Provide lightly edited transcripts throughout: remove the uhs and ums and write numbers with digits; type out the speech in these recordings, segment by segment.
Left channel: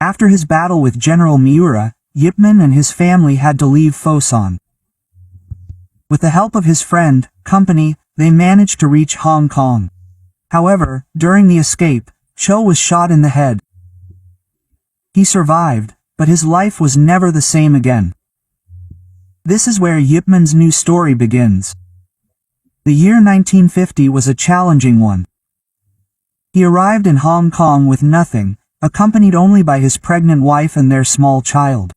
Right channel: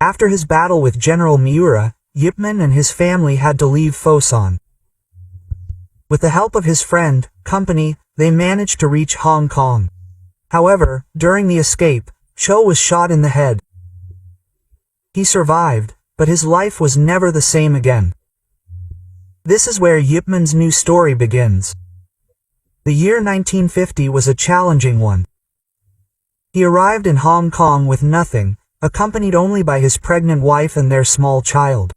After his battle with General Miura, Yip Man and his family had to leave Fosan. With the help of his friend, Company, they managed to reach Hong Kong. However, during the escape, Cho was shot in the head. He survived, but his life was never the same again. This is where Yip Man's new story begins. The year 1950 was a challenging one. He arrived in Hong Kong with nothing, accompanied only by his pregnant wife and their small child.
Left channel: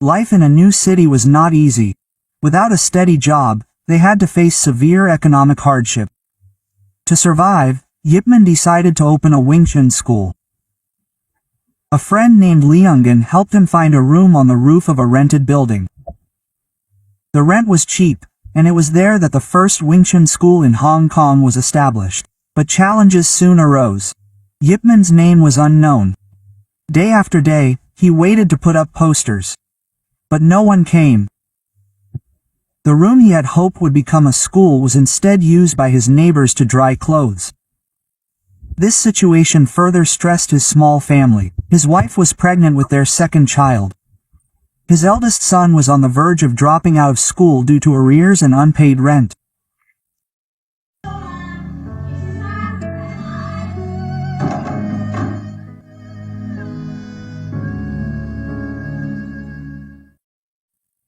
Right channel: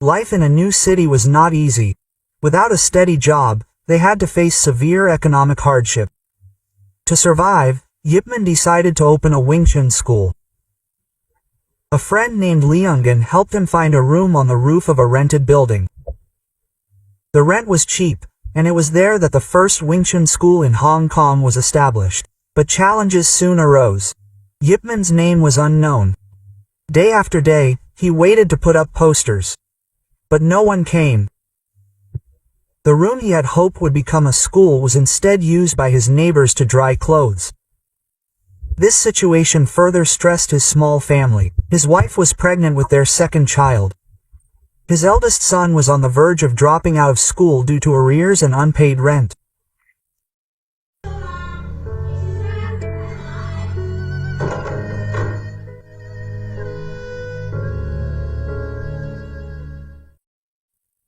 Life in a new city was not easy. Without a steady job, they had to face severe economic hardship. To survive, Yip Man decided to open a Wing Chun school. A friend named Liungen helped him find a room on the roof of a rented building. The rent was cheap, and it was there that the first Wing Chun school in Hong Kong was established. But challenges soon arose. Yip Man's name was unknown. Day after day, he waited to put up posters. But no one came. The room he had hoped would become a school was instead used by his neighbors to dry clothes. This situation further stressed his small family. His wife was pregnant with their second child. His eldest son was on the verge of dropping out of school due to arrears and unpaid rent.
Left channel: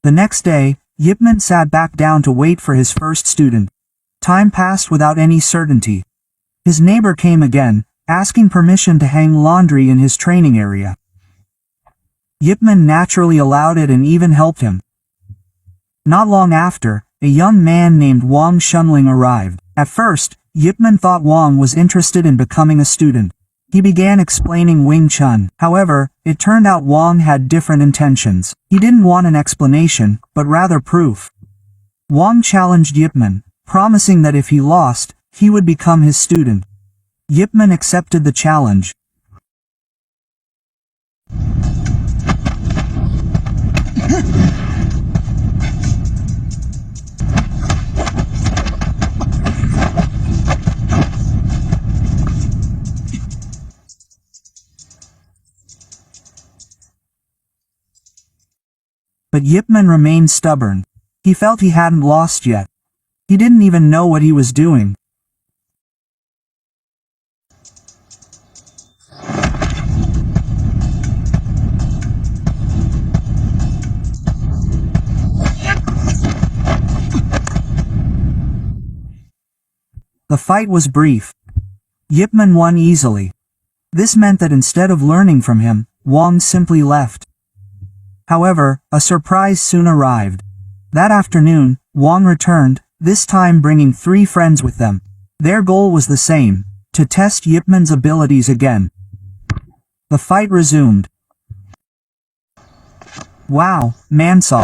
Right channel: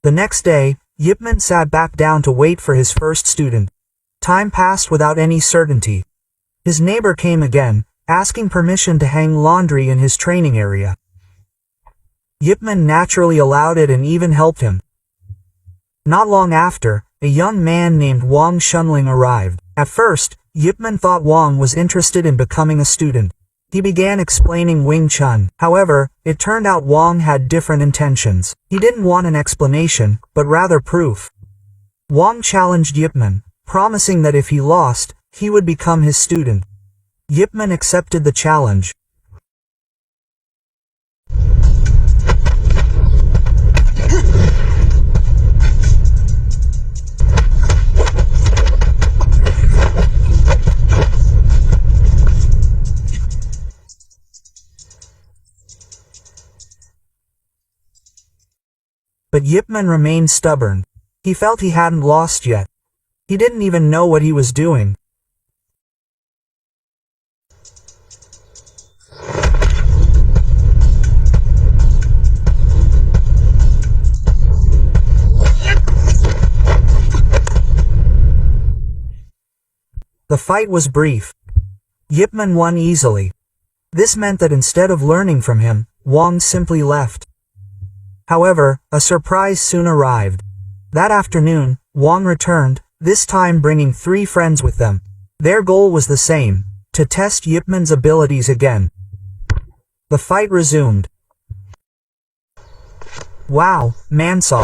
The next day, Yip Man sat back down to wait for his first student. Time passed without any certainty. His neighbor came again, asking permission to hang laundry in his training area. Yip Man naturally allowed it and even helped him. Not long after, a young man named Wang Shunling arrived. At first, Yip Man thought Wang was interested in becoming a student. He began explaining Wing Chun. However, it turned out Wang had different intentions. He didn't want an explanation, but rather proof. Wang challenged Yip Man, promising that if he lost, he would become his student. Yip Man accepted the challenge. But Yip Man remained stubborn. He felt he hadn't lost yet. He didn't even know what he was doing. The fight was brief. Yip Man won easily. This meant that instead of learning from him, Wang simply left. However, a surprise soon arrived. That afternoon, Wang returned, this time bringing 3 friends with them. Their goal was the same, to test Yip Man's abilities again. The fight resumed. Wow, Mansaw.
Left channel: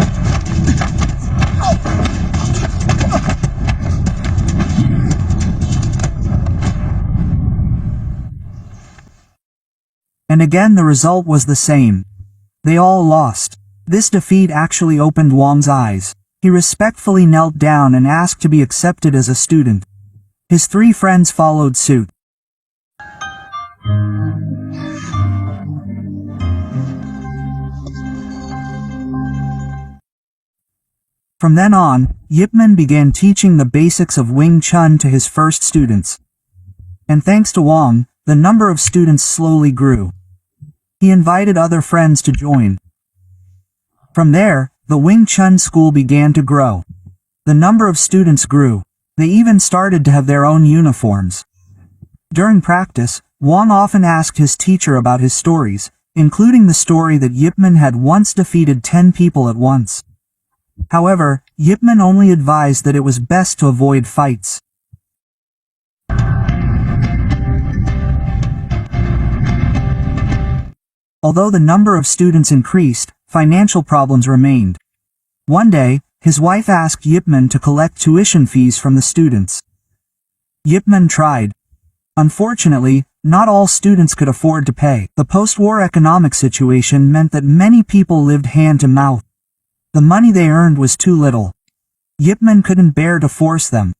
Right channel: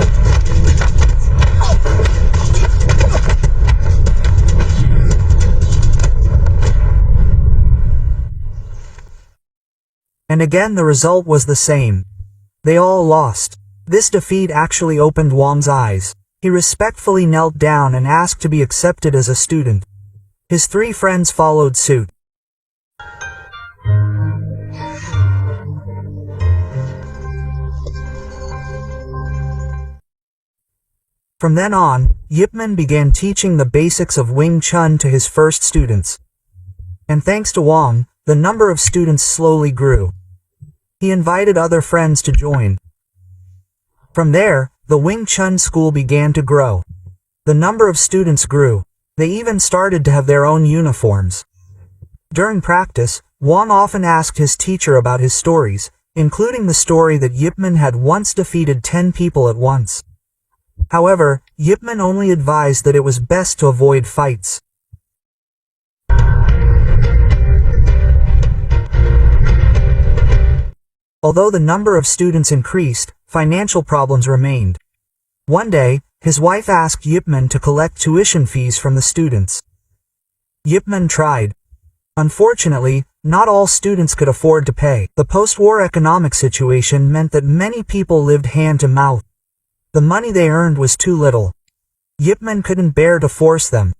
And again the result was the same. They all lost. This defeat actually opened Wang's eyes. He respectfully knelt down and asked to be accepted as a student. His 3 friends followed suit. From then on, Yip Man began teaching the basics of Wing Chun to his first students. And thanks to Wang, the number of students slowly grew. He invited other friends to join. From there, the Wing Chun school began to grow. The number of students grew. They even started to have their own uniforms. During practice, Wang often asked his teacher about his stories, including the story that Yip Man had once defeated 10 people at once. However, Yip Man only advised that it was best to avoid fights. Although the number of students increased, financial problems remained. One day, his wife asked Yip Man to collect tuition fees from the students. Yip Man tried. Unfortunately, not all students could afford to pay. The post-war economic situation meant that many people lived hand to mouth. The money they earned was too little. Yip Man couldn't bear to force them.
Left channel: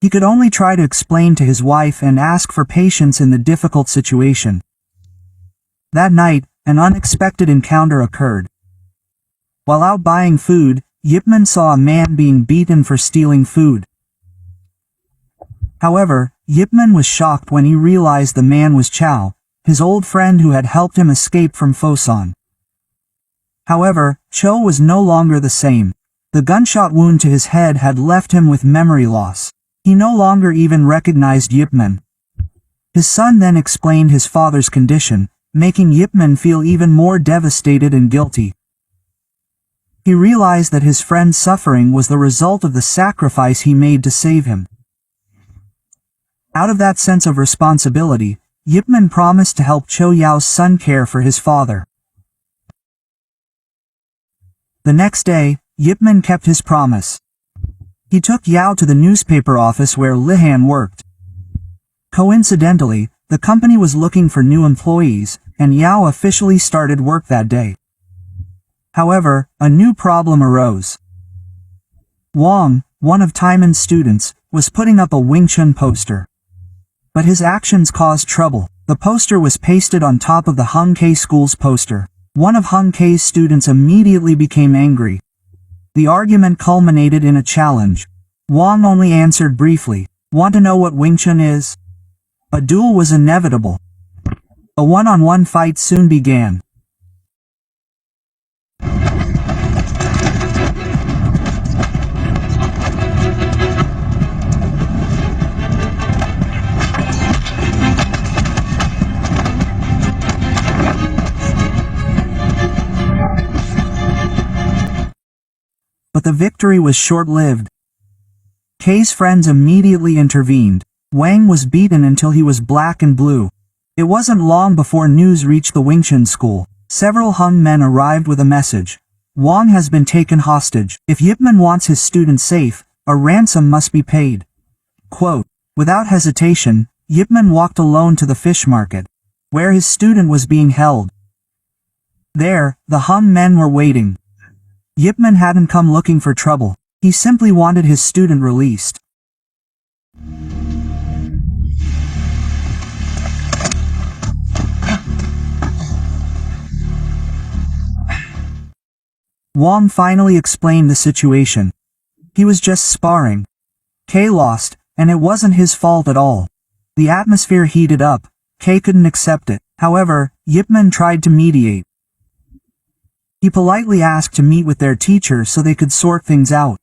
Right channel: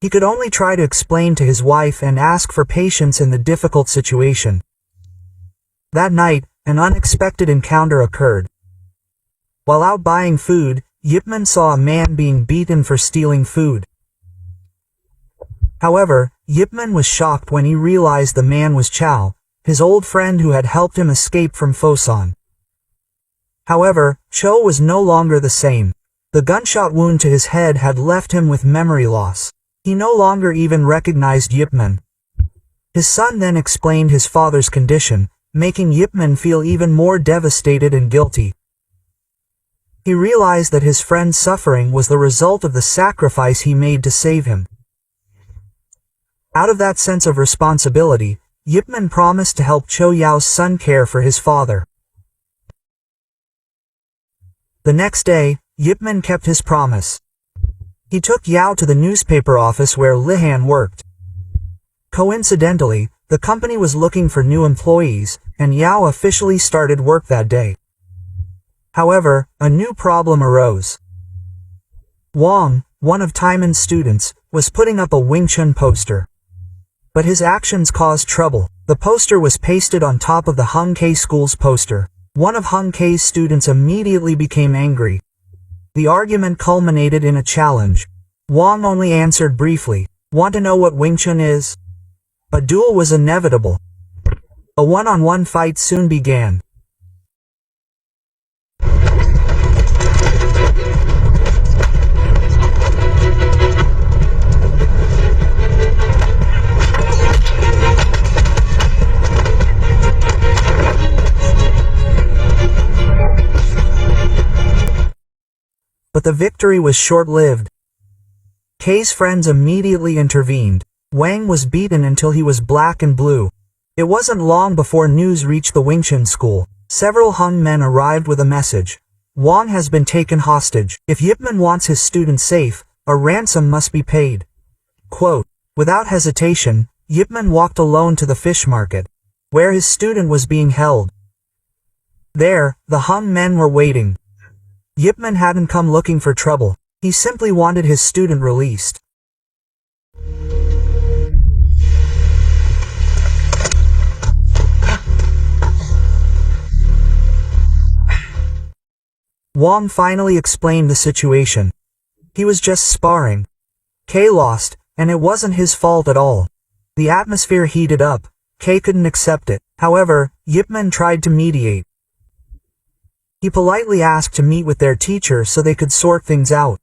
He could only try to explain to his wife and ask for patience in the difficult situation. That night, an unexpected encounter occurred. While out buying food, Yipman saw a man being beaten for stealing food. However, Yipman was shocked when he realized the man was Chow, his old friend who had helped him escape from Fosun. However, Cho was no longer the same. The gunshot wound to his head had left him with memory loss. He no longer even recognized Yipman. His son then explained his father's condition, making Yipman feel even more devastated and guilty. He realized that his friend's suffering was the result of the sacrifice he made to save him. Out of that sense of responsibility, Yipman promised to help Cho Yao's son care for his father. The next day, Yipman kept his promise. He took Yao to the newspaper office where Lihan worked. Coincidentally, the company was looking for new employees, and Yao officially started work that day. However, a new problem arose. Wang, one of Taiman's students, was putting up a Wing Chun poster. But his actions caused trouble. The poster was pasted on top of the Hung K school's poster. One of Hung K's students immediately became angry. The argument culminated in a challenge. Wang only answered briefly, "Want to know what Wing Chun is?" A duel was inevitable. A one-on-one fight soon began. But the victory was short-lived. K's friends immediately intervened. Wang was beaten until he was black and blue. It wasn't long before news reached the Wing Chun school. Several Hung men arrived with a message. Wang has been taken hostage. If Yipman wants his student safe, a ransom must be paid. Quote, without hesitation, Yipman walked alone to the fish market, where his student was being held. There, the Hung men were waiting. Yipman hadn't come looking for trouble. He simply wanted his student released. Wang finally explained the situation. He was just sparring. K lost, and it wasn't his fault at all. The atmosphere heated up. K couldn't accept it. However, Yipman tried to mediate. He politely asked to meet with their teacher so they could sort things out.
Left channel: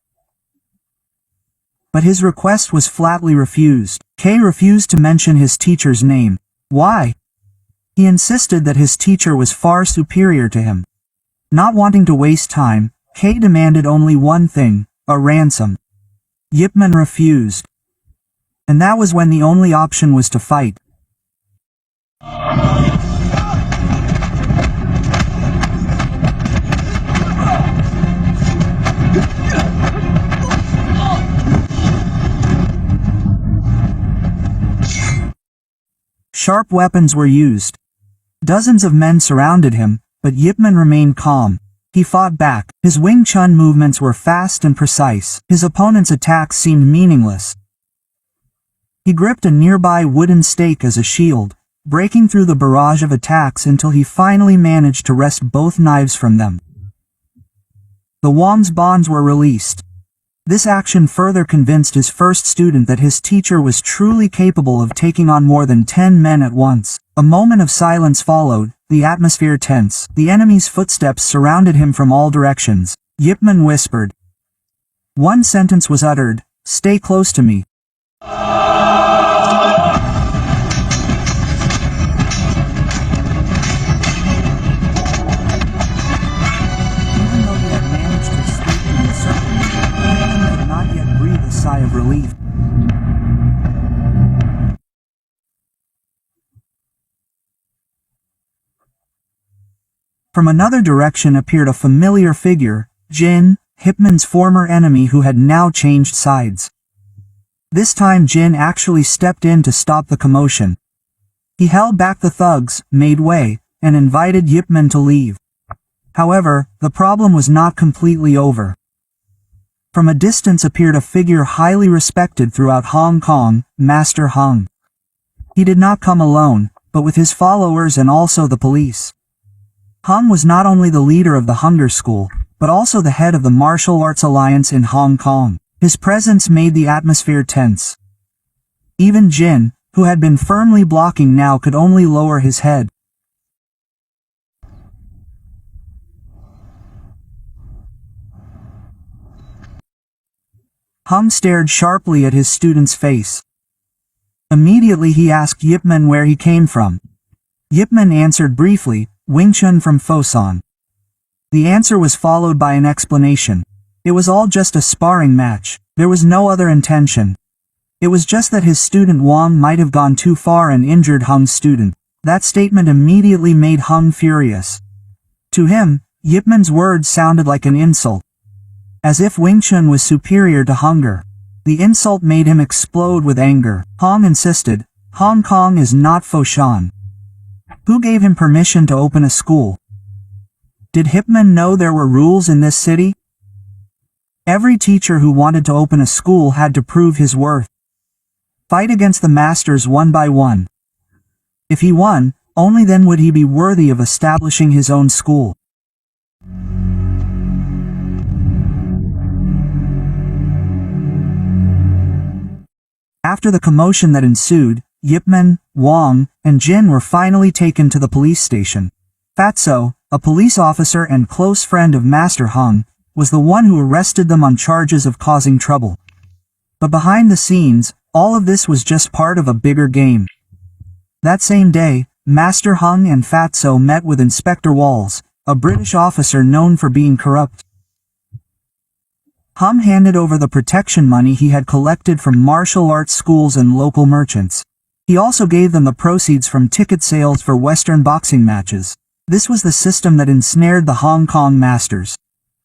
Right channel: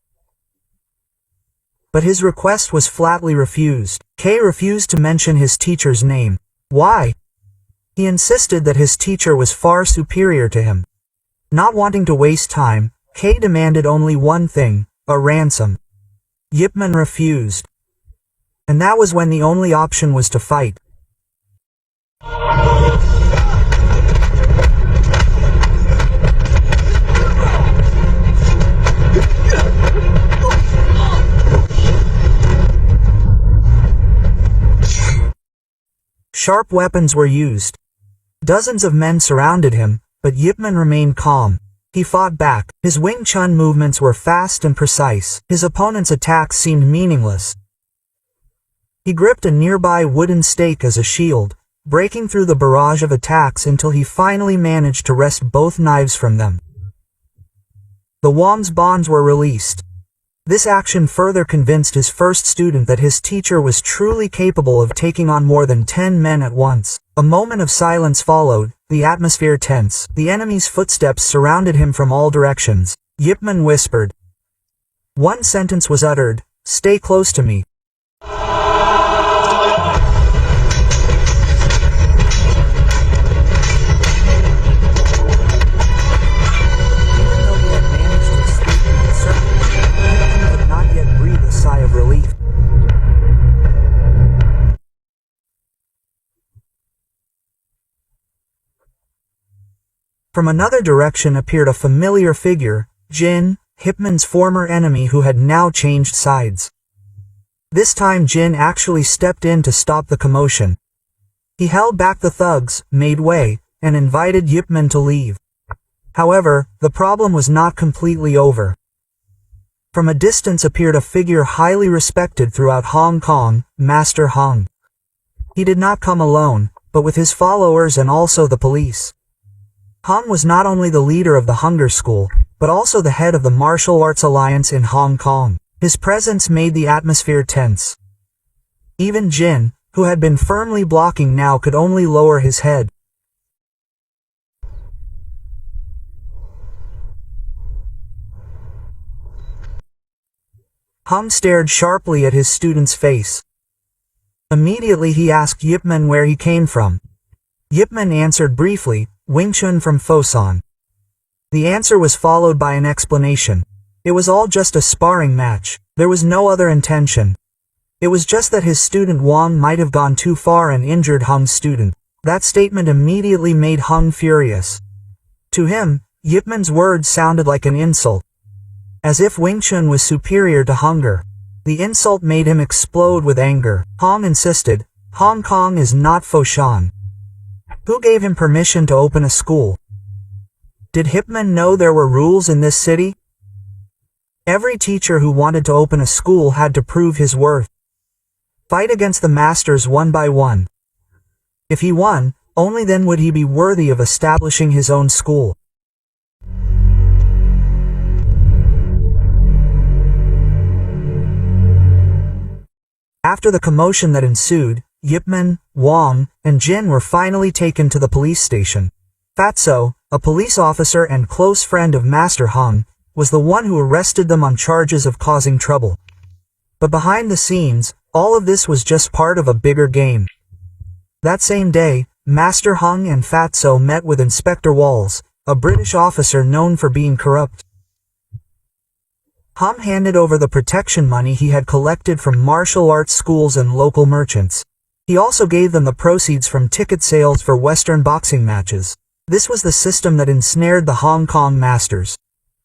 But his request was flatly refused. K refused to mention his teacher's name. Why? He insisted that his teacher was far superior to him. Not wanting to waste time, K demanded only one thing, a ransom. Yipman refused. And that was when the only option was to fight. Sharp weapons were used. Dozens of men surrounded him, but Yipman remained calm. He fought back. His Wing Chun movements were fast and precise. His opponent's attacks seemed meaningless. He gripped a nearby wooden stake as a shield, breaking through the barrage of attacks until he finally managed to wrest both knives from them. The Wang's bonds were released. This action further convinced his first student that his teacher was truly capable of taking on more than 10 men at once. A moment of silence followed, the atmosphere tense. The enemy's footsteps surrounded him from all directions. Yipman whispered. One sentence was uttered, "Stay close to me." Sigh of relief. From another direction appeared a familiar figure, Jin, Yipman's former enemy who had now changed sides. This time Jin actually stepped in to stop the commotion. He held back the thugs, made way, and invited Yipman to leave. However, the problem was not completely over. From a distance appeared a figure highly respected throughout Hong Kong, Master Hung. He did not come alone, but with his followers and also the police. Hung was not only the leader of the Hunger School, but also the head of the Martial Arts Alliance in Hong Kong. His presence made the atmosphere tense. Even Jin, who had been firmly blocking now, could only lower his head. Hung stared sharply at his student's face. Immediately he asked Yip Man where he came from. Yip Man answered briefly, Wing Chun from Fosun. The answer was followed by an explanation. It was all just a sparring match. There was no other intention. It was just that his student Wang might have gone too far and injured Hung's student. That statement immediately made Hung furious. To him, Yip Man's words sounded like an insult. As if Wing Chun was superior to Hunger. The insult made him explode with anger. Hong insisted, Hong Kong is not Foshan. Who gave him permission to open a school? Did Yip Man know there were rules in this city? Every teacher who wanted to open a school had to prove his worth. Fight against the masters one by one. If he won, only then would he be worthy of establishing his own school. After the commotion that ensued, Yip Man, Wang, and Jin were finally taken to the police station. Fatso, a police officer and close friend of Master Hung, was the one who arrested them on charges of causing trouble. But behind the scenes, all of this was just part of a bigger game. That same day, Master Hung and Fatso met with Inspector Walls, a British officer known for being corrupt. Hung handed over the protection money he had collected from martial arts schools and local merchants. He also gave them the proceeds from ticket sales for Western boxing matches. This was the system that ensnared the Hong Kong masters.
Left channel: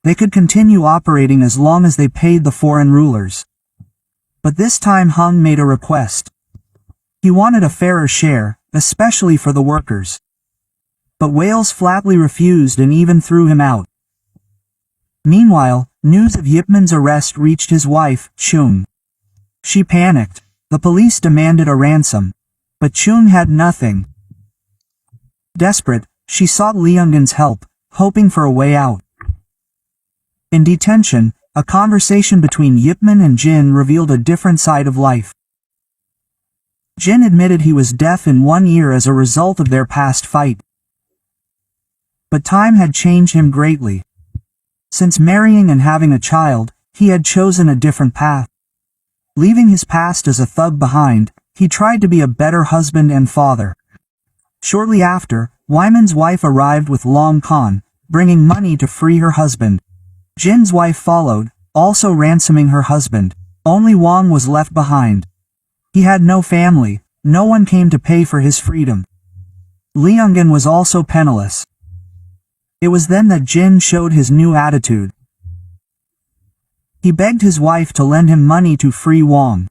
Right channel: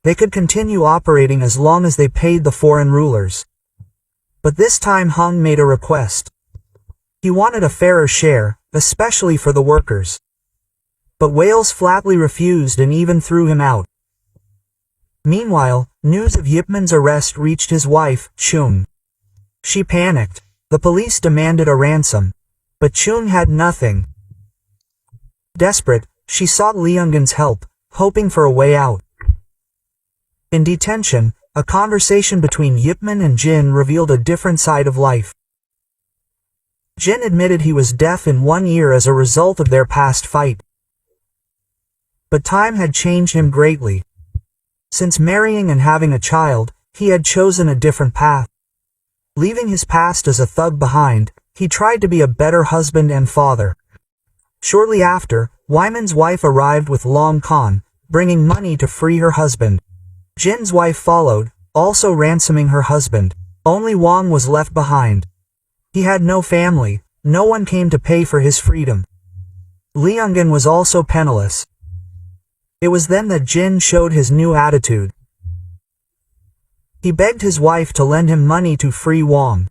They could continue operating as long as they paid the foreign rulers. But this time Hung made a request. He wanted a fairer share, especially for the workers. But Wales flatly refused and even threw him out. Meanwhile, news of Yip Man's arrest reached his wife, Chung. She panicked. The police demanded a ransom. But Chung had nothing. Desperate, she sought Liungan's help, hoping for a way out. In detention, a conversation between Yip Man and Jin revealed a different side of life. Jin admitted he was deaf in one ear as a result of their past fight. But time had changed him greatly. Since marrying and having a child, he had chosen a different path. Leaving his past as a thug behind, he tried to be a better husband and father. Shortly after, Wyman's wife arrived with Long Con, bringing money to free her husband. Jin's wife followed, also ransoming her husband. Only Wang was left behind. He had no family, no one came to pay for his freedom. Liungan was also penniless. It was then that Jin showed his new attitude. He begged his wife to lend him money to free Wang.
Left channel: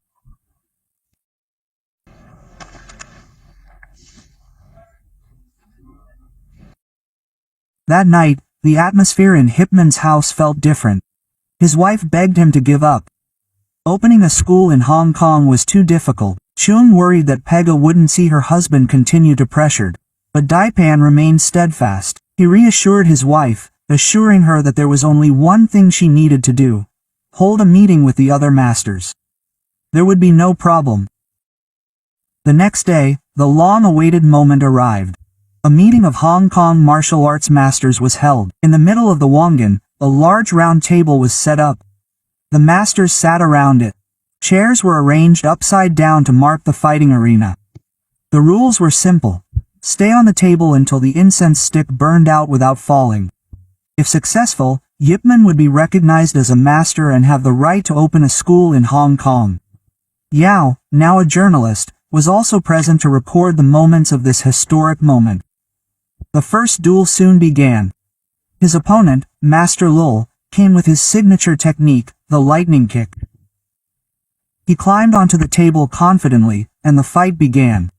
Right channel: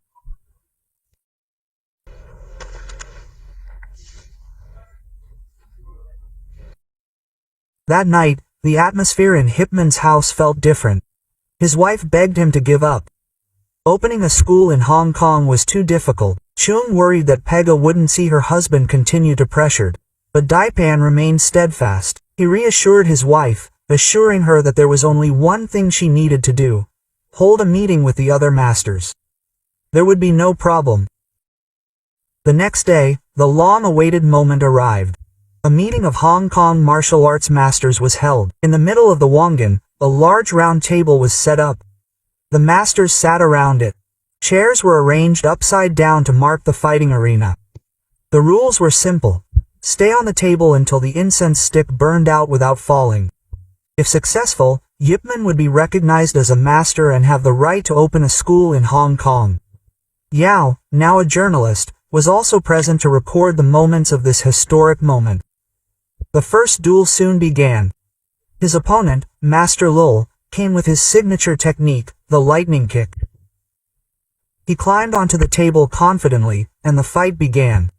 That night, the atmosphere in Yip Man's house felt different. His wife begged him to give up. Opening a school in Hong Kong was too difficult. Chung worried that Pega wouldn't see her husband continue to pressured. But Daipan remained steadfast. He reassured his wife, assuring her that there was only one thing she needed to do. Hold a meeting with the other masters. There would be no problem. The next day, the long-awaited moment arrived. A meeting of Hong Kong martial arts masters was held. In the middle of the Wangan, a large round table was set up. The masters sat around it. Chairs were arranged upside down to mark the fighting arena. The rules were simple. Stay on the table until the incense stick burned out without falling. If successful, Yip Man would be recognized as a master and have the right to open a school in Hong Kong. Yao, now a journalist, was also present to record the moments of this historic moment. The first duel soon began. His opponent, Master Lul, came with his signature technique, the lightning kick. He climbed onto the table confidently, and the fight began.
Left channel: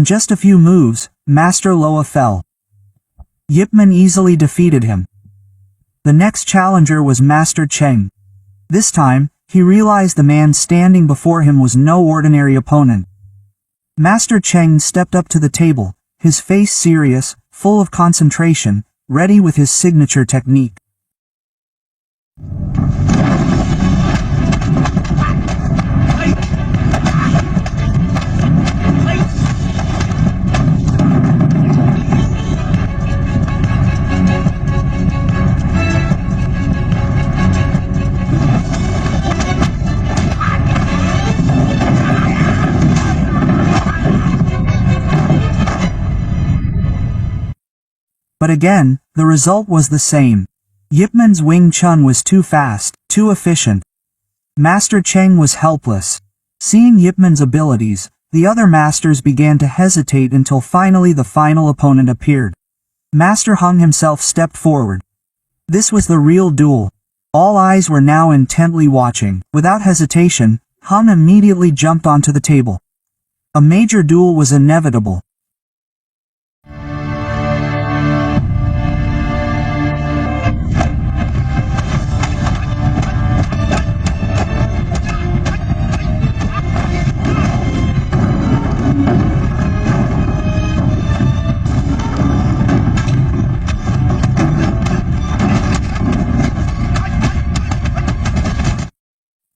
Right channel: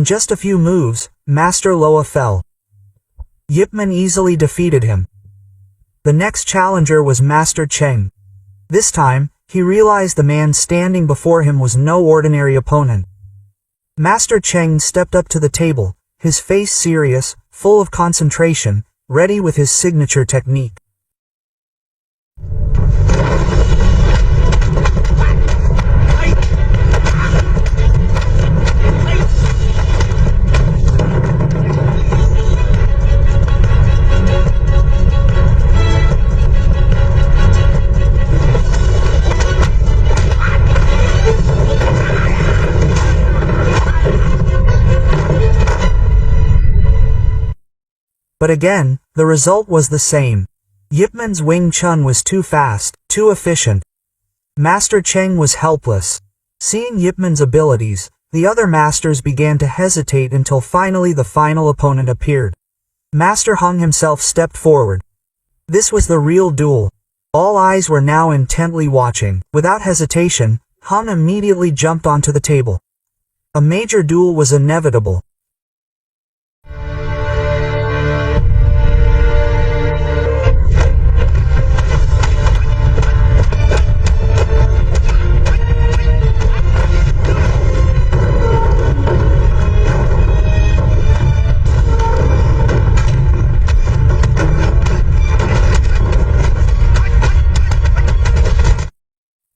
In just a few moves, Master Loa fell. Yip Man easily defeated him. The next challenger was Master Cheng. This time, he realized the man standing before him was no ordinary opponent. Master Cheng stepped up to the table, his face serious, full of concentration, ready with his signature technique. But again, the result was the same. Yip Man's Wing Chun was too fast, too efficient. Master Cheng was helpless. Seeing Yip Man's abilities, the other masters began to hesitate until finally the final opponent appeared. Master Hung himself stepped forward. This was the real duel. All eyes were now intently watching. Without hesitation, Hung immediately jumped onto the table. A major duel was inevitable.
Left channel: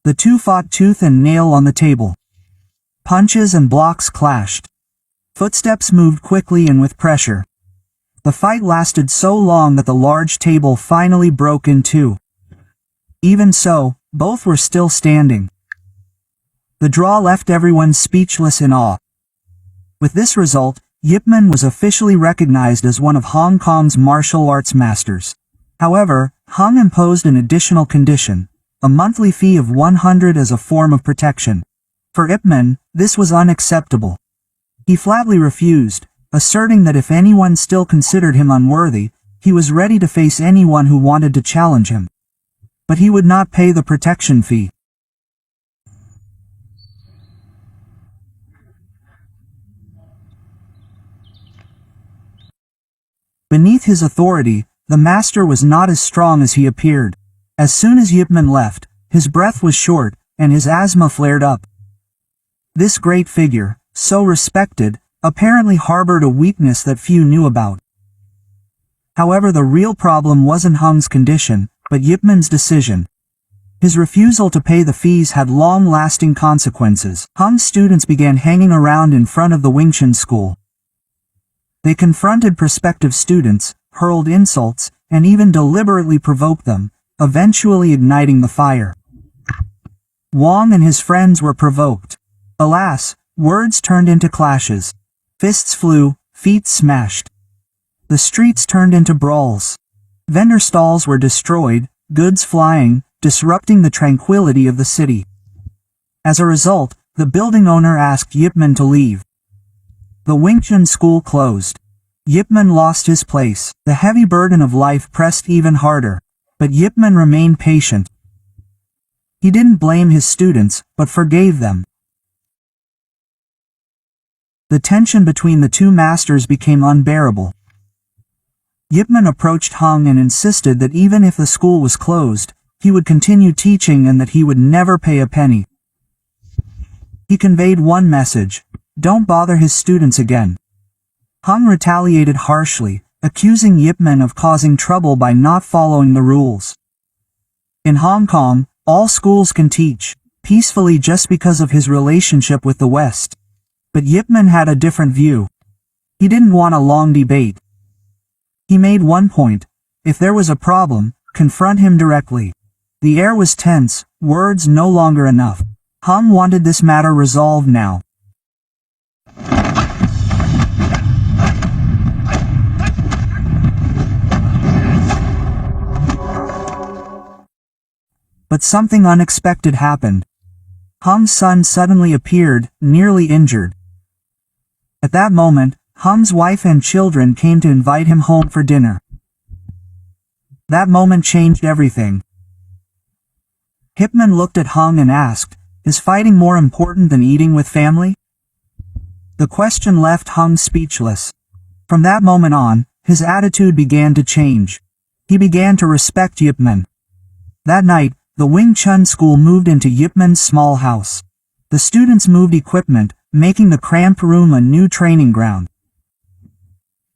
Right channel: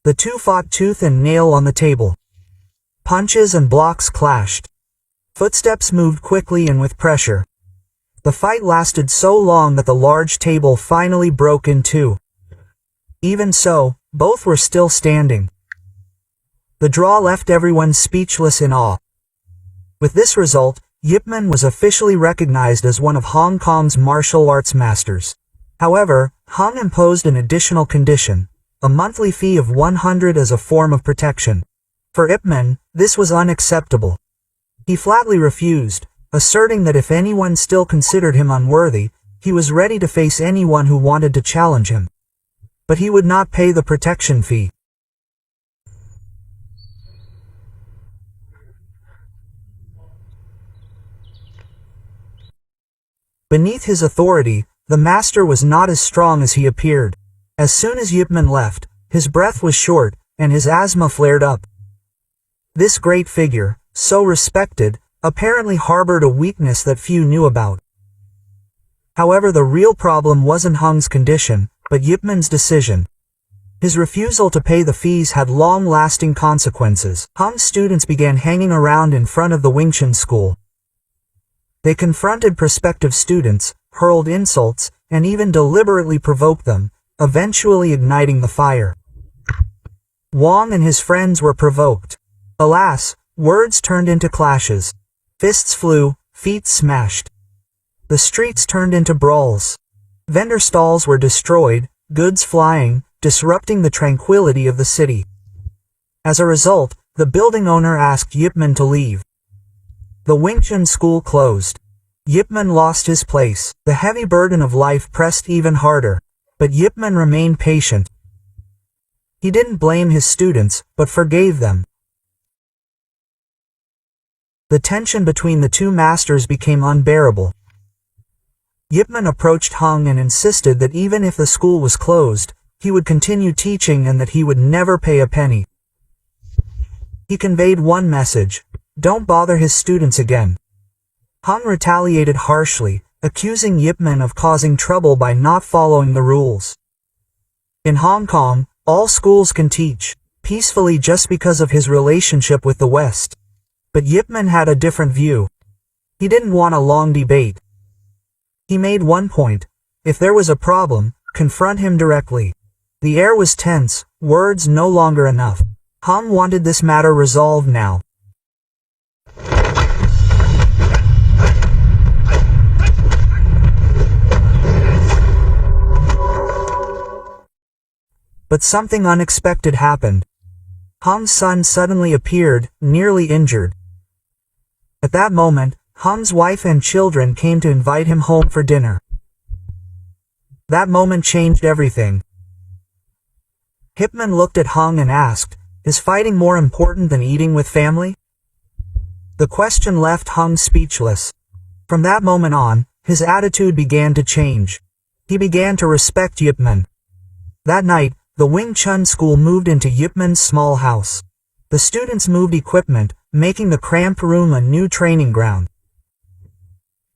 The two fought tooth and nail on the table. Punches and blocks clashed. Footsteps moved quickly and with pressure. The fight lasted so long that the large table finally broke in two. Even so, both were still standing. The draw left everyone speechless in awe. With this result, Yip Man was officially recognized as one of Hong Kong's martial arts masters. However, Hung imposed an additional condition. A monthly fee of 100 as a form of protection. For Yip Man, this was unacceptable. He flatly refused, asserting that if anyone still considered him unworthy, he was ready to face anyone who wanted to challenge him. But he would not pay the protection fee. Beneath his authority, the master was not as strong as he appeared. As soon as Yip Man left, his breath was short, and his asthma flared up. This great figure, so respected, apparently harbored a weakness that few knew about. However, the real problem wasn't Hung's condition, but Yip Man's decision. His refusal to pay the fees had long-lasting consequences. Hung's students began hanging around in front of the Wing Chun school. They confronted prospective students, hurled insults, and even deliberately provoked them, eventually igniting the fire. Wong and his friends were provoked. Alas, words turned into clashes. Fists flew, feet smashed. The streets turned into brawls. Vendor stalls were destroyed, goods flying, disrupting the tranquility of the city. As a result, the building owner asked Yip Man to leave. The Wing Chun school closed. Yip Man lost his place. The heavy burden of life pressed even harder. But Yip Man remained patient. He didn't blame his students, but forgave them. The tension between the two masters became unbearable. Yip Man approached Hung and insisted that even if the school was closed, he would continue teaching and that he would never pay a penny. He conveyed one message: don't bother his students again. Hung retaliated harshly, accusing Yip Man of causing trouble by not following the rules. In Hong Kong, all schools can teach peacefully just because of his relationship with the West. But Yip Man had a different view. He didn't want a long debate. He made one point: if there was a problem, confront him directly. The air was tense, words no longer enough. Hung wanted this matter resolved now. But something unexpected happened. Hung's son suddenly appeared, nearly injured. At that moment, Hung's wife and children came to invite him home for dinner. That moment changed everything. Yip Man looked at Hung and asked, "Is fighting more important than eating with family?" The question left Hung speechless. From that moment on, his attitude began to change. He began to respect Yip Man. That night, the Wing Chun school moved into Yip Man's small house. The students moved equipment, making the cramped room a new training ground.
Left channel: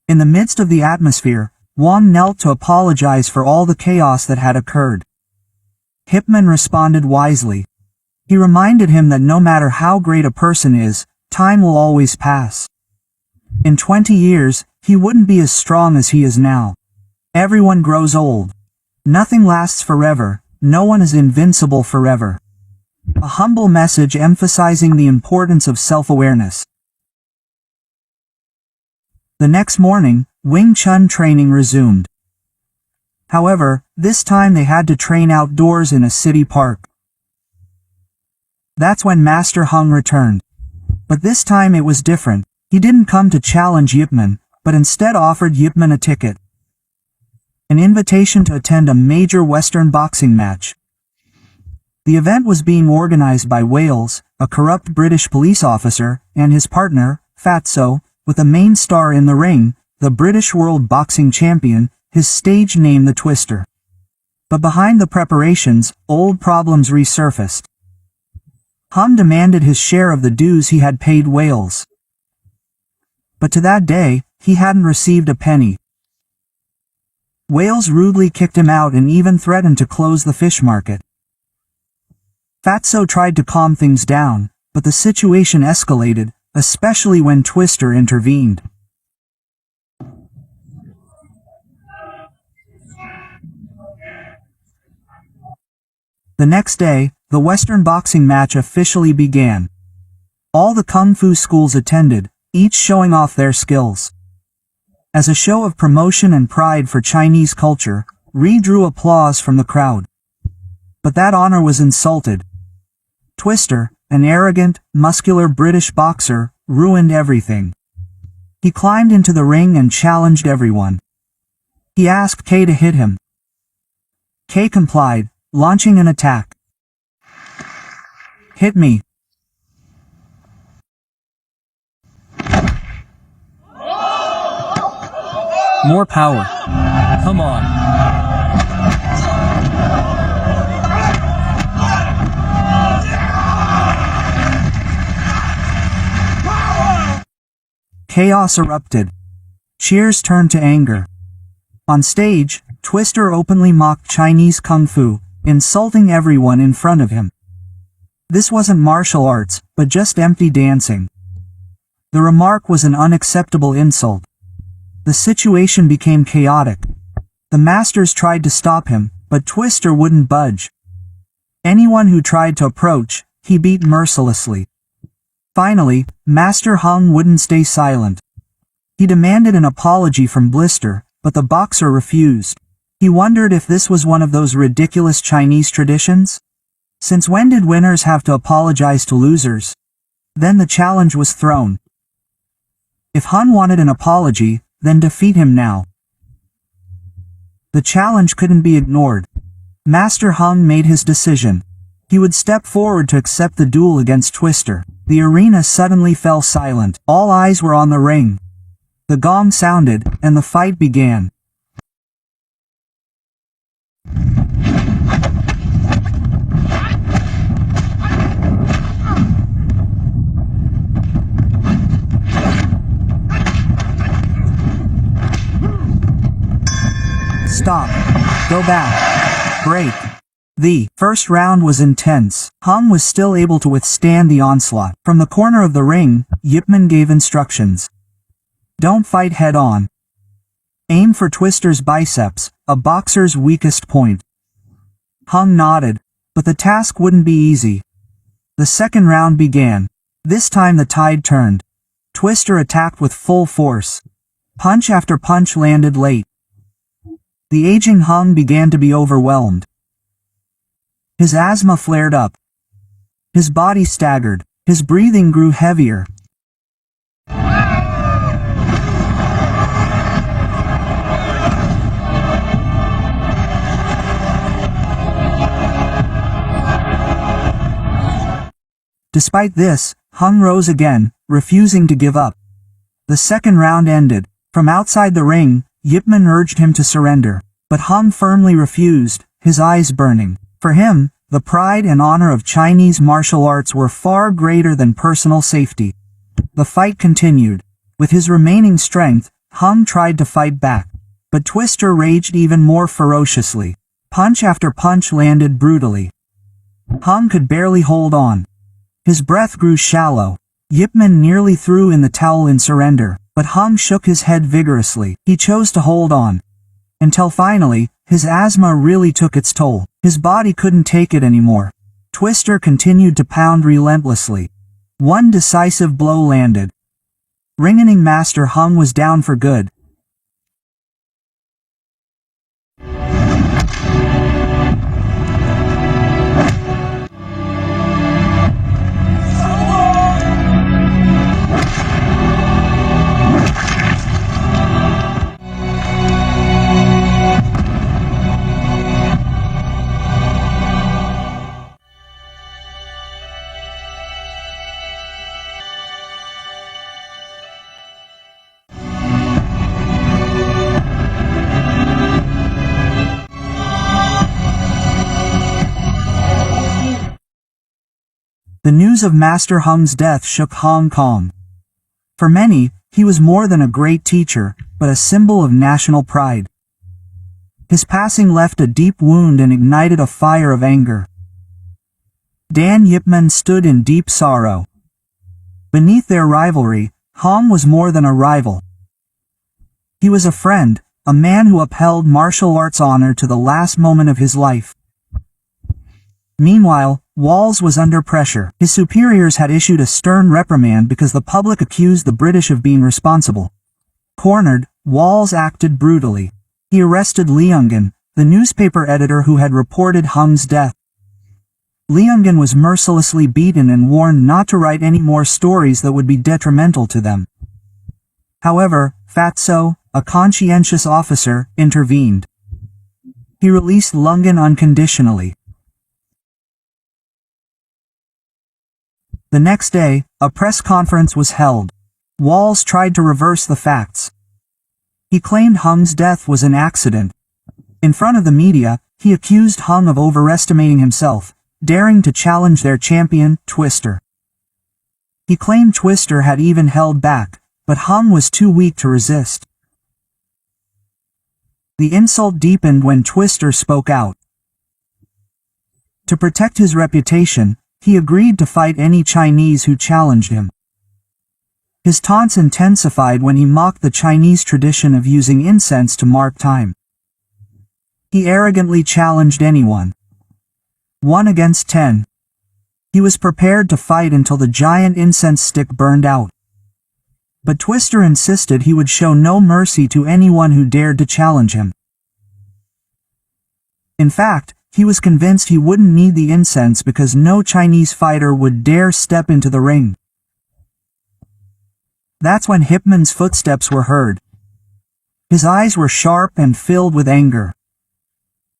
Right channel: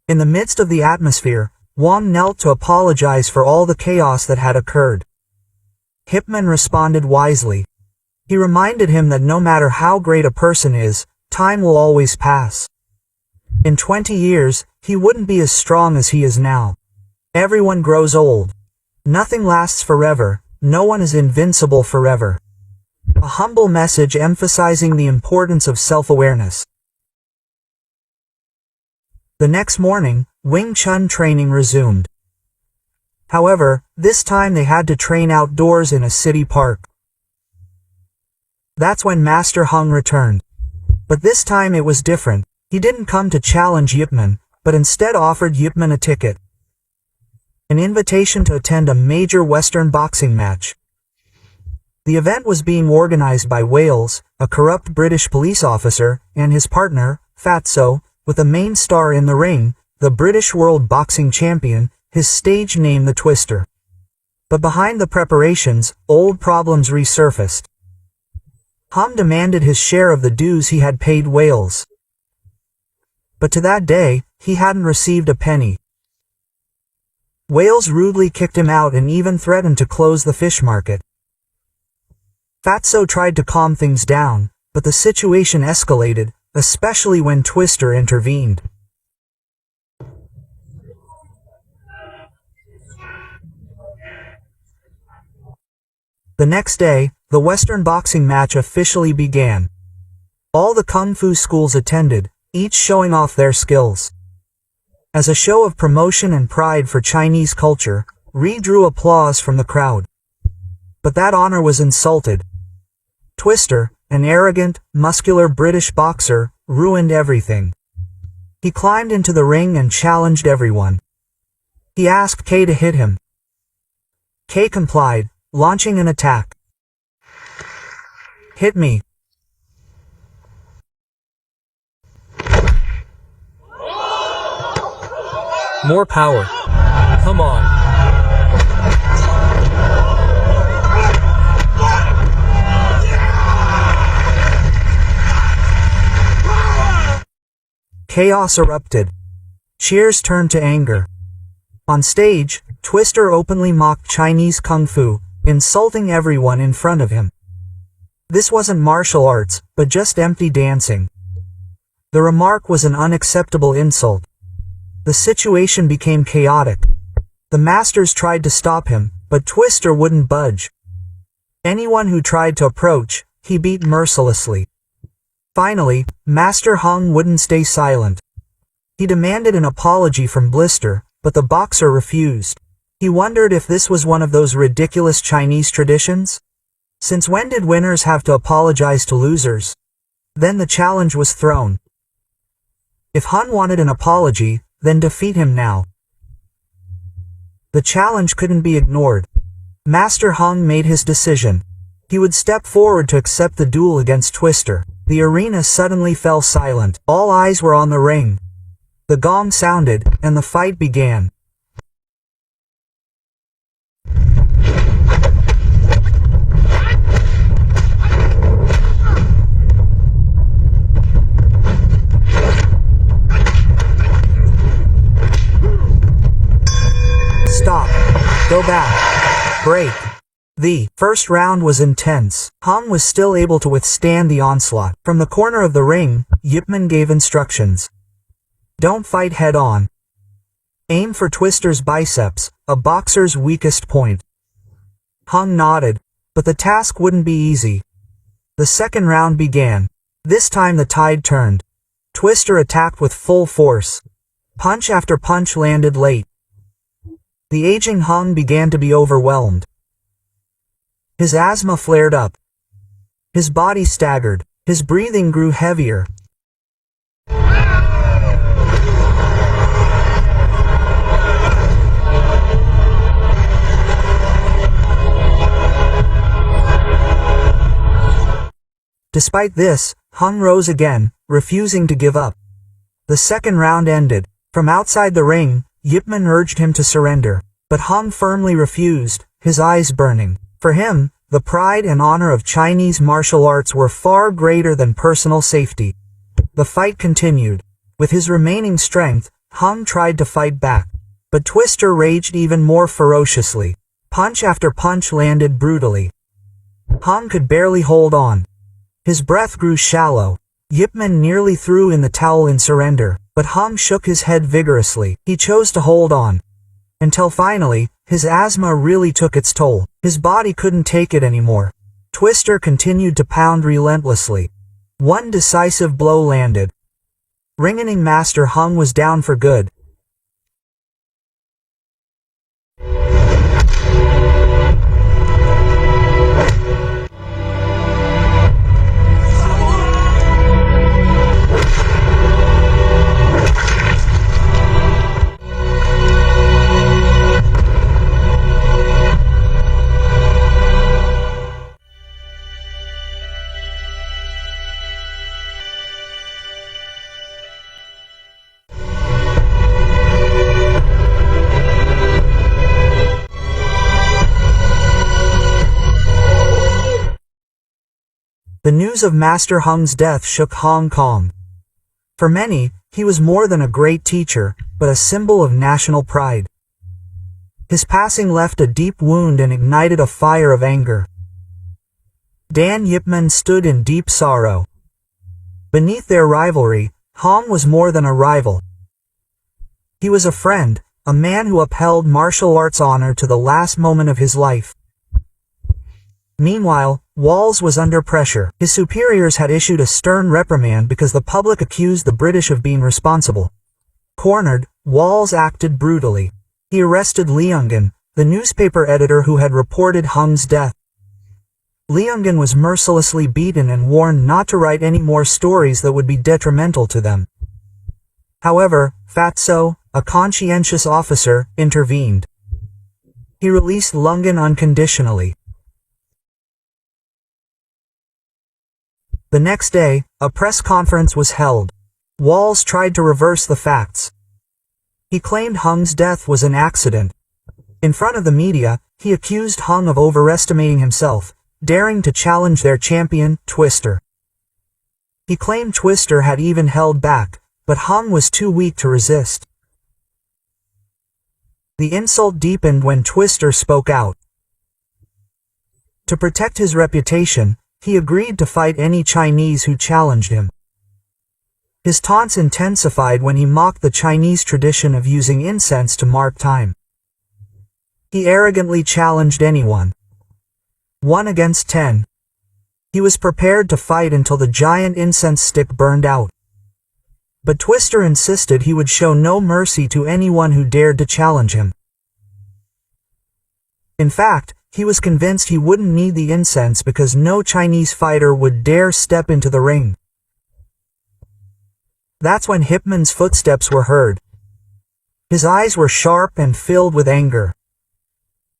In the midst of the atmosphere, Wang knelt to apologize for all the chaos that had occurred. Yip Man responded wisely. He reminded him that no matter how great a person is, time will always pass. In 20 years, he wouldn't be as strong as he is now. Everyone grows old. Nothing lasts forever, no one is invincible forever. A humble message emphasizing the importance of self-awareness. The next morning, Wing Chun training resumed. However, this time they had to train outdoors in a city park. That's when Master Hung returned. But this time it was different. He didn't come to challenge Yip Man, but instead offered Yip Man a ticket. An invitation to attend a major Western boxing match. The event was being organized by Wales, a corrupt British police officer, and his partner, Fatso, with the main star in the ring, the British World Boxing Champion, his stage name the Twister. But behind the preparations, old problems resurfaced. Hung demanded his share of the dues he had paid Wales. But to that day, he hadn't received a penny. Wales rudely kicked him out and even threatened to close the fish market. Fatso tried to calm things down, but the situation escalated, especially when Twister intervened. The next day, the Western boxing match officially began. All the kung fu schools attended, each showing off their skills. As a show of promotion and pride for Chinese culture, Ri drew applause from the crowd. But that honor was insulted. Twister, an arrogant, muscular British boxer, ruined everything. He climbed into the ring and challenged everyone. He asked Kay to hit him. Kay complied, launching an attack. Hit me. More power. Come on. Chaos erupted. Cheers turned to anger. On stage, Twister openly mocked Chinese kung fu, insulting everyone in front of him. This wasn't martial arts, but just empty dancing. The remark was an unacceptable insult. The situation became chaotic. The masters tried to stop him, but Twister wouldn't budge. Anyone who tried to approach, he beat mercilessly. Finally, Master Hung wouldn't stay silent. He demanded an apology from Blister, but the boxer refused. He wondered if this was one of those ridiculous Chinese traditions. Since when did winners have to apologize to losers? Then the challenge was thrown. If Hun wanted an apology, then defeat him now. The challenge couldn't be ignored. Master Hung made his decision. He would step forward to accept the duel against Twister. The arena suddenly fell silent. All eyes were on the ring. The gong sounded, and the fight began. Stop. Go back. Break. The first round was intense. Hung was still able to withstand the onslaught. From the corner of the ring, Yip Man gave instructions. Don't fight head-on. Aim for Twister's biceps, a boxer's weakest point. Hung nodded, but the task wouldn't be easy. The second round began. This time the tide turned. Twister attacked with full force. Punch after punch landed late. The aging Hung began to be overwhelmed. His asthma flared up. His body staggered. His breathing grew heavier. Despite this, Hung rose again, refusing to give up. The second round ended. From outside the ring, Yip Man urged him to surrender, but Hung firmly refused, his eyes burning. For him, the pride and honor of Chinese martial arts were far greater than personal safety. The fight continued. With his remaining strength, Hung tried to fight back, but Twister raged even more ferociously. Punch after punch landed brutally. Hung could barely hold on. His breath grew shallow. Yip Man nearly threw in the towel in surrender, but Hung shook his head vigorously. He chose to hold on. Until finally, his asthma really took its toll. His body couldn't take it anymore. Twister continued to pound relentlessly. One decisive blow landed. Ring-ening Master Hung was down for good. The news of Master Hung's death shook Hong Kong. For many, he was more than a great teacher, but a symbol of national pride. His passing left a deep wound and ignited a fire of anger. Dan Yip Man stood in deep sorrow. Beneath their rivalry, Hong was more than a rival. He was a friend, a man who upheld martial arts honor to the last moment of his life. Meanwhile, Walls was under pressure. His superiors had issued a stern reprimand because the public accused the British of being responsible. Cornered, Walls acted brutally. He arrested Liungen, the newspaper editor who had reported Hung's death. Liungen was mercilessly beaten and warned not to write any more stories that would be detrimental to them. However, Fatso, a conscientious officer, intervened. He released Liungen unconditionally. The next day, a press conference was held. Walls tried to reverse the facts. He claimed Hung's death was an accident. In front of the media, he accused Hung of overestimating himself, daring to challenge their champion, Twister. He claimed Twister had even held back, but Hung was too weak to resist. The insult deepened when Twister spoke out. To protect his reputation, he agreed to fight any Chinese who challenged him. His taunts intensified when he mocked the Chinese tradition of using incense to mark time. He arrogantly challenged anyone. 1 against 10. He was prepared to fight until the giant incense stick burned out. But Twister insisted he would show no mercy to anyone who dared to challenge him. In fact, he was convinced he wouldn't need the incense because no Chinese fighter would dare step into the ring. That's when Yip Man's footsteps were heard. His eyes were sharp and filled with anger.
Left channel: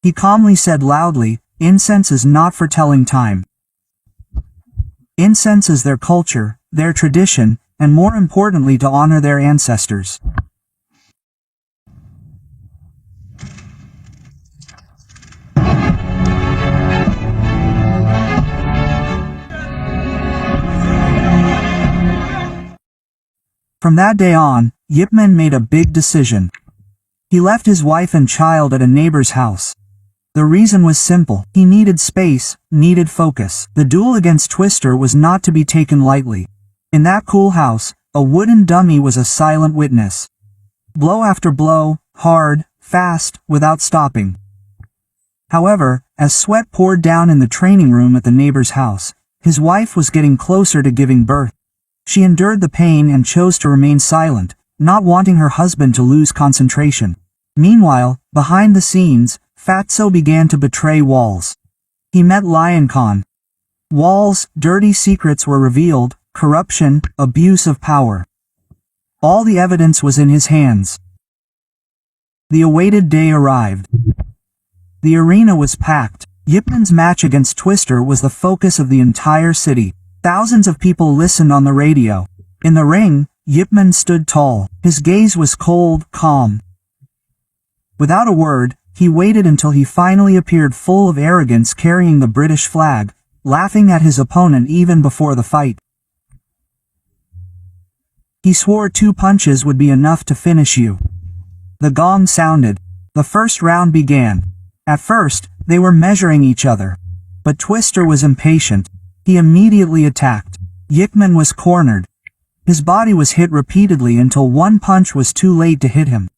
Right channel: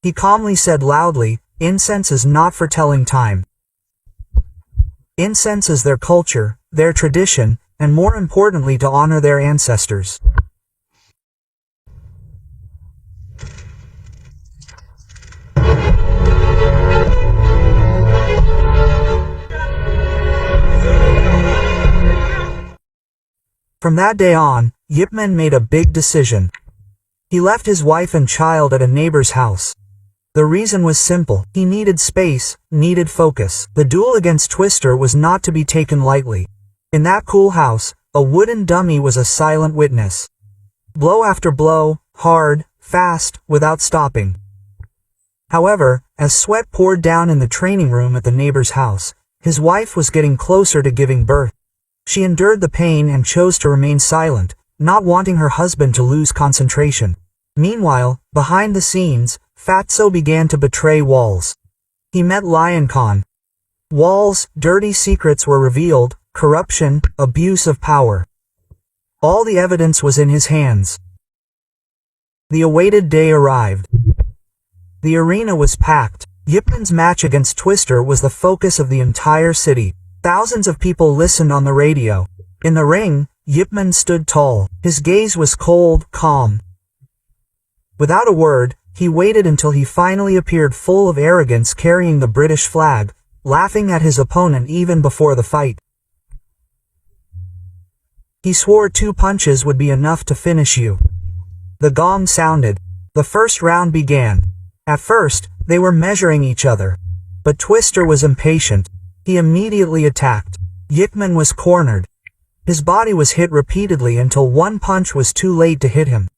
He calmly said loudly, "Incense is not for telling time. Incense is their culture, their tradition, and more importantly to honor their ancestors." From that day on, Yip Man made a big decision. He left his wife and child at a neighbor's house. The reason was simple. He needed space, needed focus. The duel against Twister was not to be taken lightly. In that cool house, a wooden dummy was a silent witness. Blow after blow, hard, fast, without stopping. However, as sweat poured down in the training room at the neighbor's house, his wife was getting closer to giving birth. She endured the pain and chose to remain silent, not wanting her husband to lose concentration. Meanwhile, behind the scenes, Fatso began to betray Walls. He met Lion Khan. Walls' dirty secrets were revealed, corruption, abuse of power. All the evidence was in his hands. The awaited day arrived. The arena was packed. Yip Man's match against Twister was the focus of the entire city. Thousands of people listened on the radio. In the ring, Yip Man stood tall. His gaze was cold, calm. Without a word, he waited until he finally appeared full of arrogance carrying the British flag, laughing at his opponent even before the fight. He swore 2 punches would be enough to finish you. The gong sounded. The first round began. At first, they were measuring each other. But Twister was impatient. He immediately attacked. Yip Man was cornered. His body was hit repeatedly until one punch was too late to hit him.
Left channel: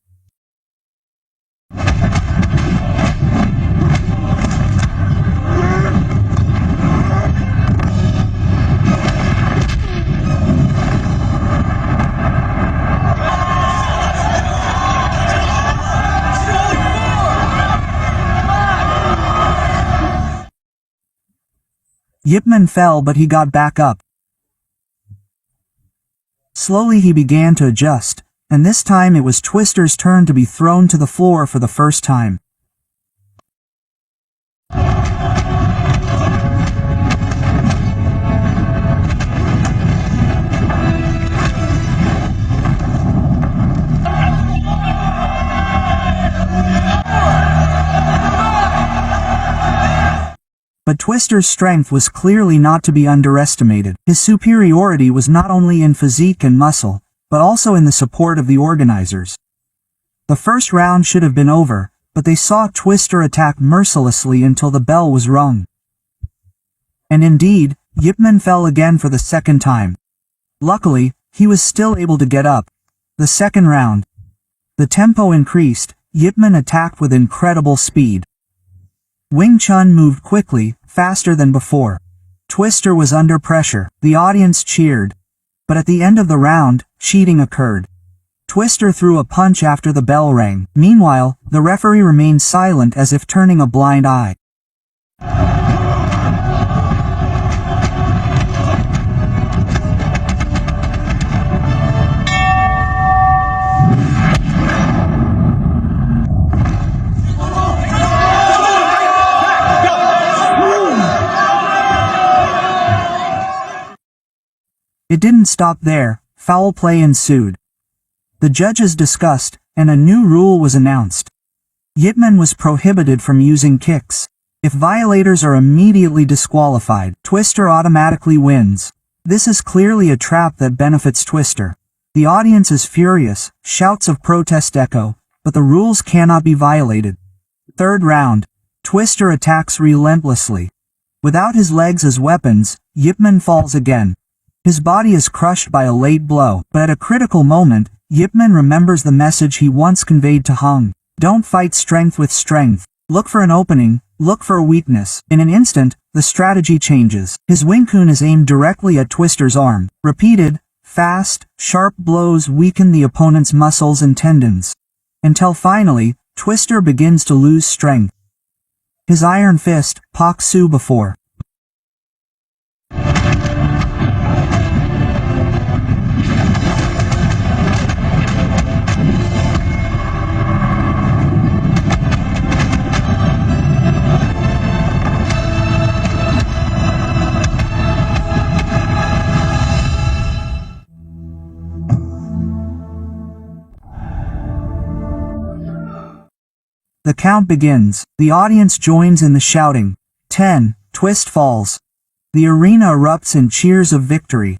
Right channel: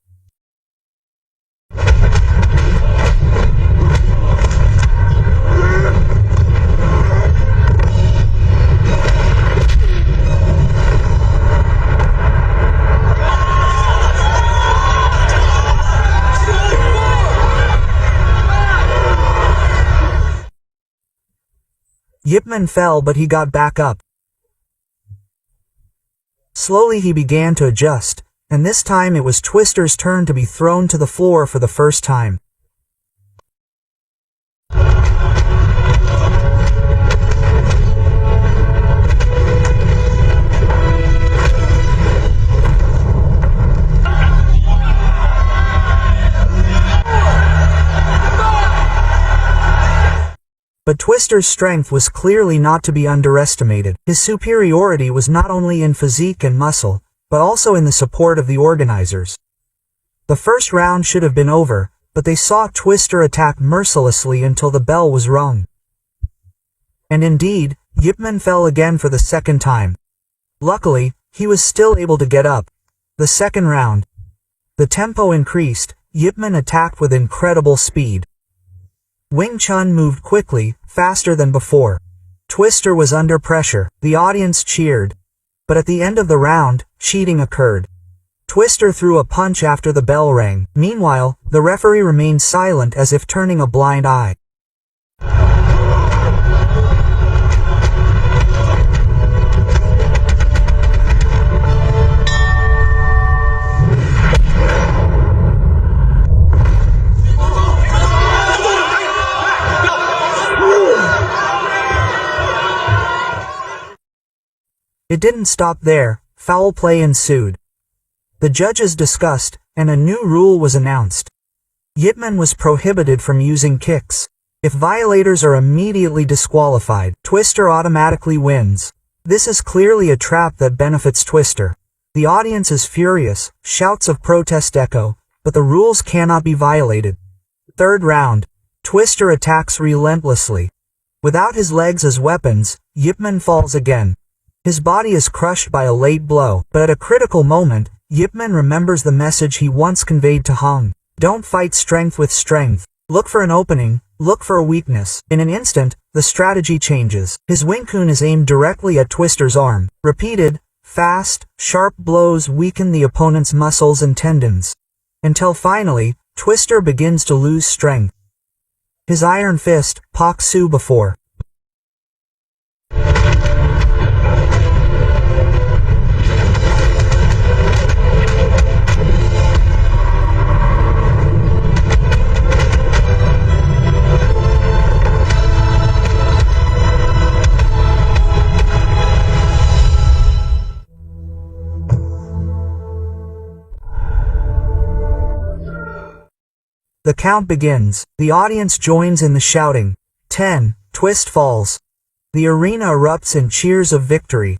Yip Man fell, but he got back up. Slowly he began to adjust, and this time it was Twister's turn to be thrown to the floor for the first time. But Twister's strength was clearly not to be underestimated. His superiority was not only in physique and muscle, but also in the support of the organizers. The first round should have been over, but they saw Twister attack mercilessly until the bell was rung. And indeed, Yip Man fell again for the second time. Luckily, he was still able to get up. The second round. The tempo increased. Yip Man attacked with incredible speed. Wing Chun moved quickly, faster than before. Twister was under pressure. The audience cheered. But at the end of the round, cheating occurred. Twister threw a punch after the bell rang. Meanwhile, the referee remained silent as if turning a blind eye. It didn't stop there. Foul play ensued. The judges discussed, and a new rule was announced. Yip Man was prohibited from using kicks. If violators are immediately disqualified, Twister automatically wins. This is clearly a trap that benefits Twister. The audience is furious, shouts of protest echo, but the rules cannot be violated. Third round. Twister attacks relentlessly. Without his legs as weapons, Yip Man falls again. His body is crushed by a late blow, but at a critical moment, Yip Man remembers the message he once conveyed to Hung. Don't fight strength with strength. Look for an opening, look for a weakness. In an instant, the strategy changes. His Wing Chun is aimed directly at Twister's arm. Repeated, fast, sharp blows weaken the opponent's muscles and tendons. Until finally, Twister begins to lose strength. His iron fist, Pak Su before. The count begins. The audience joins in the shouting. 10. Twist falls. The arena erupts in cheers of victory.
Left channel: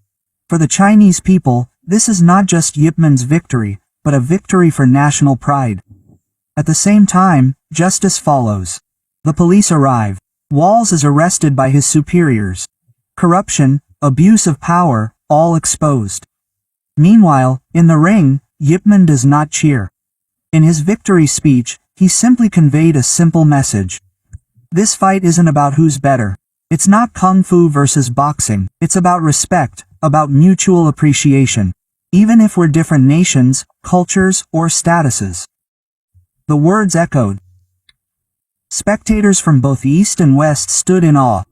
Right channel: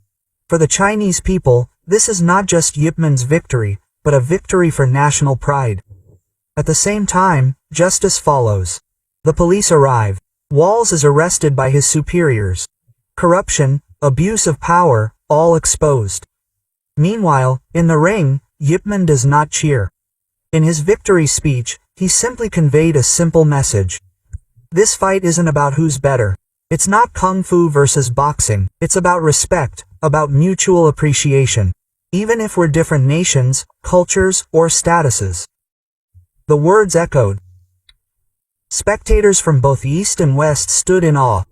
For the Chinese people, this is not just Yip Man's victory, but a victory for national pride. At the same time, justice follows. The police arrive. Walls is arrested by his superiors. Corruption, abuse of power, all exposed. Meanwhile, in the ring, Yip Man does not cheer. In his victory speech, he simply conveyed a simple message. This fight isn't about who's better. It's not kung fu versus boxing. It's about respect, about mutual appreciation. Even if we're different nations, cultures, or statuses. The words echoed. Spectators from both East and West stood in awe.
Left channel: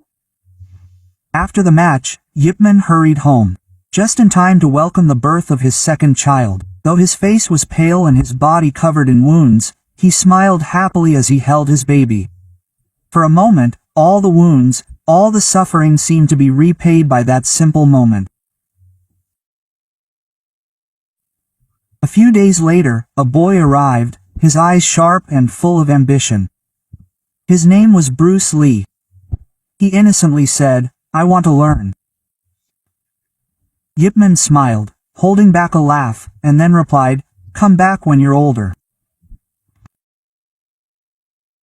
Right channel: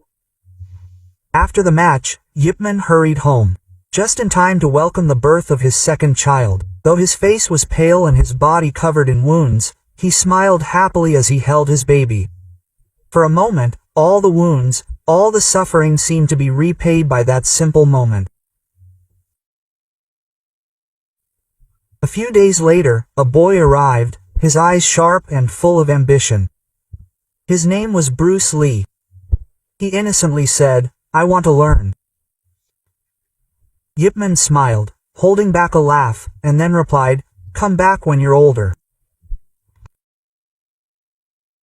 After the match, Yip Man hurried home. Just in time to welcome the birth of his second child. Though his face was pale and his body covered in wounds, he smiled happily as he held his baby. For a moment, all the wounds, all the suffering seemed to be repaid by that simple moment. A few days later, a boy arrived, his eyes sharp and full of ambition. His name was Bruce Lee. He innocently said, "I want to learn." Yip Man smiled, holding back a laugh, and then replied, "Come back when you're older."